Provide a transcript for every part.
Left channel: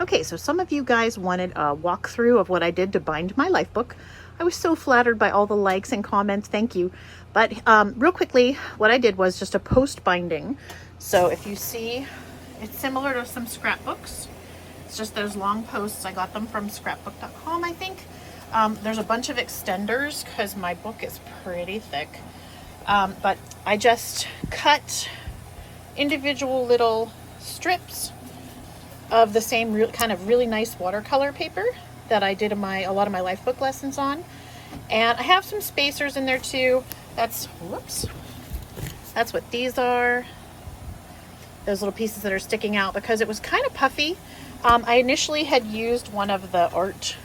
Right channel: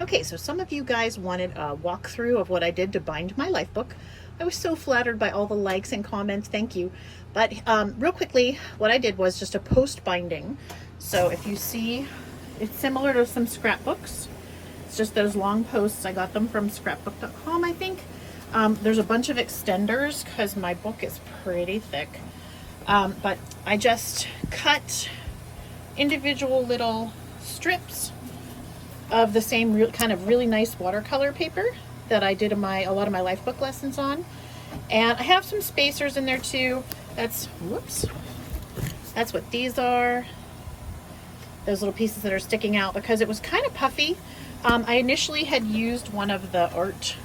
Okay, so some of you guys wanted a walkthrough of what I did to bind my LifeBook. I was so flattered by all the likes and comments, thank you. But real quickly, what I did was just a post binding. So if you see, it's similar to some scrapbooks. It's just those long posts. I got them from scrapbook.com, I think. There's a bunch of extenders because my book is pretty thick. But I just cut individual little strips of the same kind of really nice watercolor paper that I did a lot of my LifeBook lessons on. And I have some spacers in there too. That's what these are. Those little pieces that are sticking out because it was kind of puffy. I initially had used one of the art,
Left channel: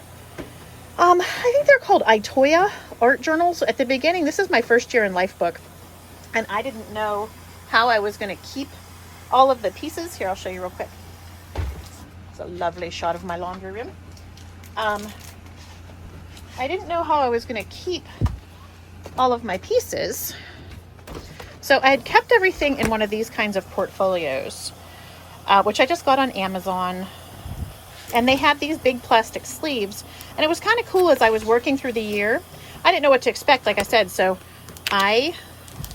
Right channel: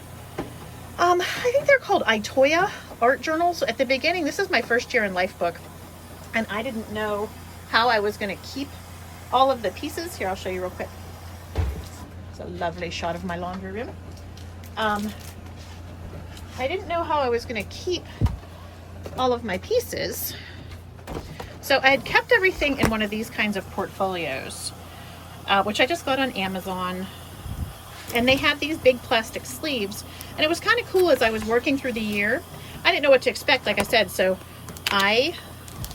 I think they're called Itoya art journals at the beginning. This is my first year in LifeBook and I didn't know how I was going to keep all of the pieces. Here, I'll show you real quick. It's a lovely shot of my laundry room. I didn't know how I was going to keep all of my pieces. So I had kept everything in one of these kinds of portfolios, which I just got on Amazon. And they had these big plastic sleeves. And it was kind of cool as I was working through the year. I didn't know what to expect, like I said. So I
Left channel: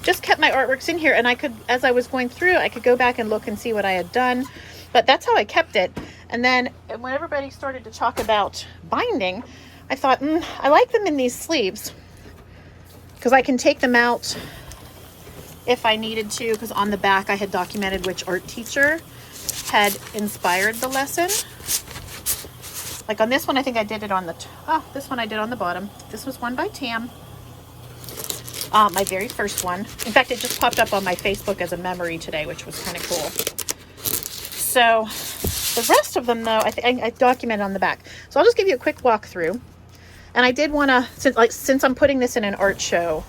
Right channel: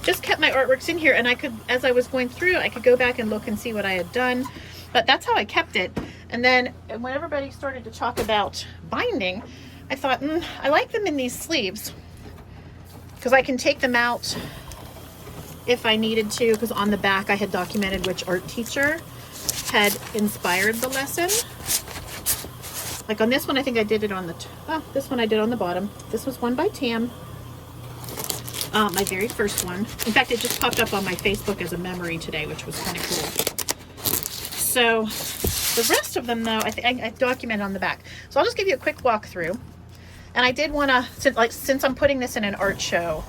just kept my artworks in here. And I could, as I was going through, I could go back and look and see what I had done. But that's how I kept it. And then when everybody started to talk about binding, I thought, I like them in these sleeves because I can take them out if I needed to, because on the back I had documented which art teacher had inspired the lesson. Like on this one, I think I did it on the, this one I did on the bottom. This was one by Tam. My very first one. In fact, it just popped up on my Facebook as a memory today, which was kind of cool. So the rest of them though, I documented on the back. So I'll just give you a quick walkthrough. And I did want to, since I'm putting this in an art show,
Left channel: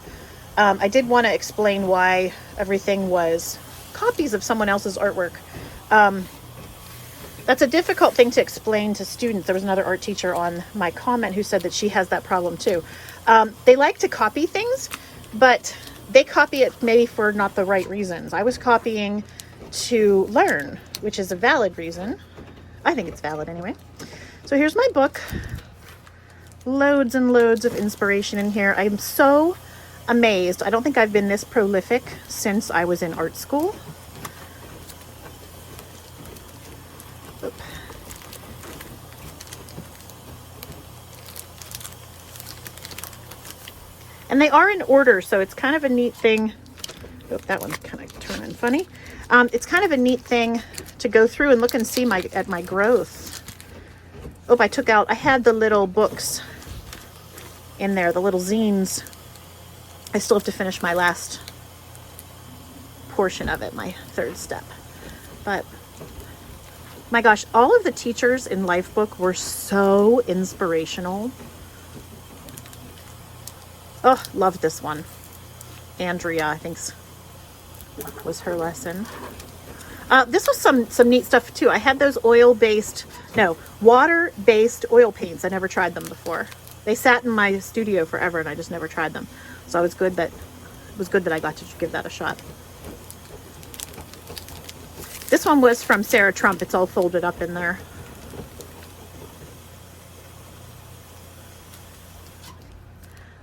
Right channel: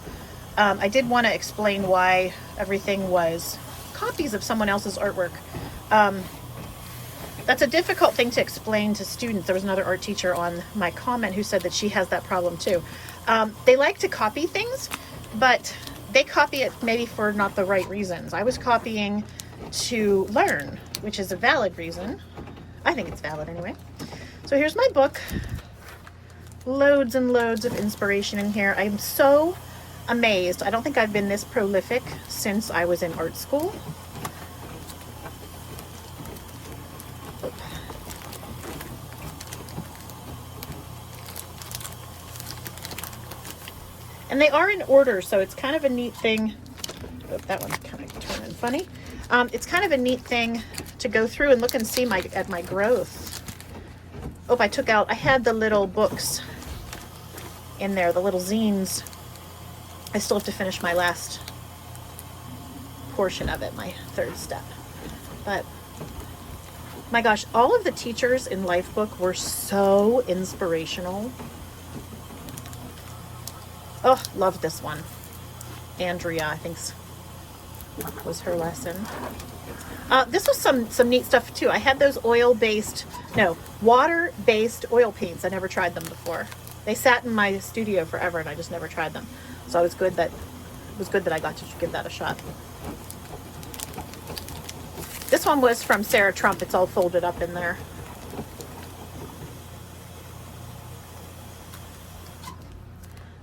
I did want to explain why everything was copies of someone else's artwork. That's a difficult thing to explain to students. There was another art teacher on my comment who said that she has that problem too. They like to copy things, but they copy it maybe for not the right reasons. I was copying to learn, which is a valid reason. I think it's valid anyway. So here's my book. Loads and loads of inspiration in here. I'm so amazed. I don't think I've been this prolific since I was in art school. And they are in order, so it's kind of a neat thing. Oh, that one's kind of turning funny. It's kind of a neat thing to go through and look and see at my growth. Oh, I had the little books in there, the little zines. I still have to finish my last portion of it, my third step. But my gosh, all of the teachers in LifeBook were so inspirational. Oh, love this one. Andrea, I think was her lesson. This was some neat stuff too. I had those water-based oil paints. I never tried them before. They sat in my studio forever and I just never tried them. So it was good that I got to give that a shot. This one was from Sarah Trump. It's all folded up in there.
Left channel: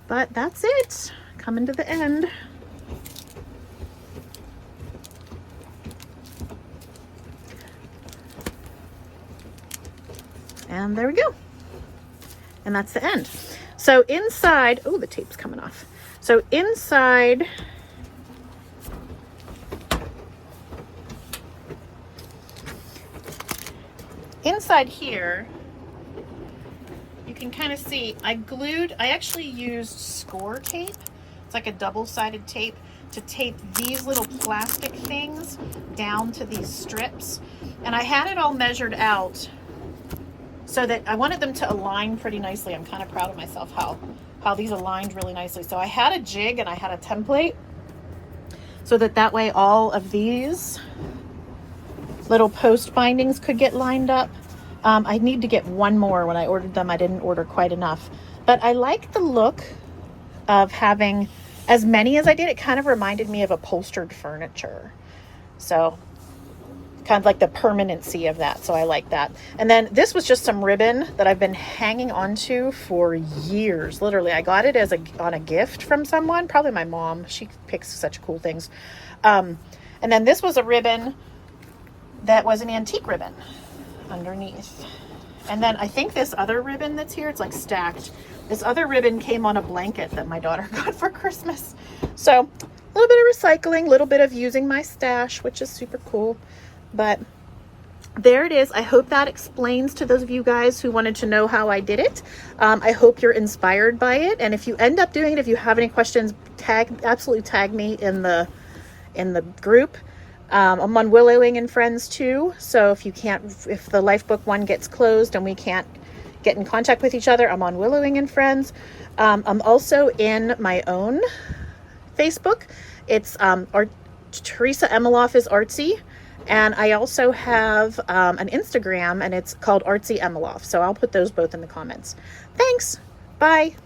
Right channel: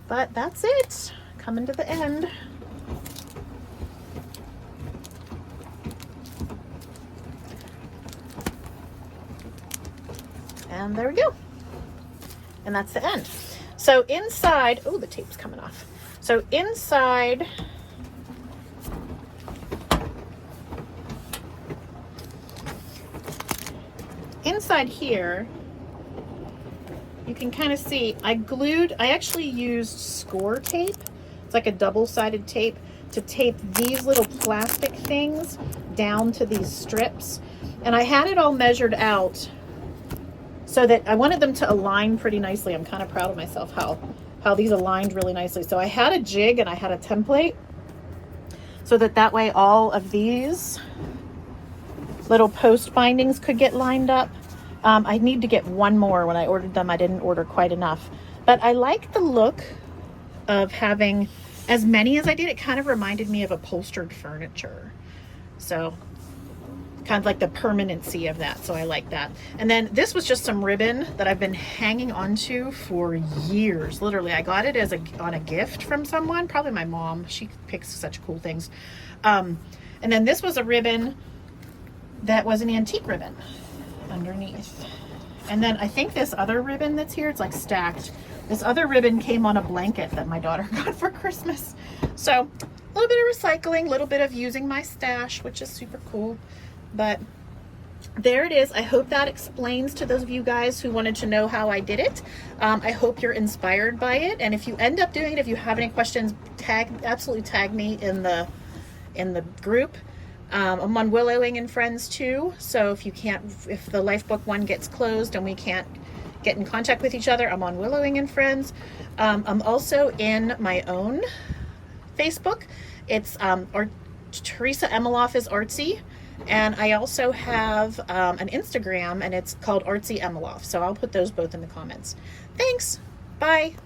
But that's it. Coming to the end. And there we go. And that's the end. So inside, oh, the tape's coming off. So inside, here, you can kind of see, I actually used score tape. It's like a double-sided tape to tape these little plastic things down to these strips. And I had it all measured out so that I wanted them to align pretty nicely. I'm kind of proud of myself how these aligned really nicely. So I had a jig and I had a template so that way all of these little post bindings could get lined up. I need to get one more. When I ordered them, I didn't order quite enough. But I like the look of having as many as I did. It kind of reminded me of upholstered furniture. So kind of like the permanency of that. So I like that. And then this was just some ribbon that I've been hanging onto for years. Literally, I got it on a gift from someone, probably my mom. She picks such cool things. And then this was a ribbon that was an antique ribbon underneath. And then I think this other ribbon that's here, it's like stacked. This other ribbon came on a blanket that my daughter got for Christmas. So a little bit of recycling, a little bit of using my stash, which is super cool. But there it is. I hope that explains to those of you guys who wanted to know how I did it. I hope you're inspired by it. And if you end up doing it, if you have any questions, absolutely tag me in the group. I'm on Willowing and Friends too. So if the LifeBook one gets closed and we can't get in contact with each other, I'm on Willowing and Friends. I'm also in my own Facebook. It's Teresa Emeloff is Artsy. And I also have an Instagram, and it's called Artsy Emeloff. So I'll put those both in the comments. Thanks. Bye.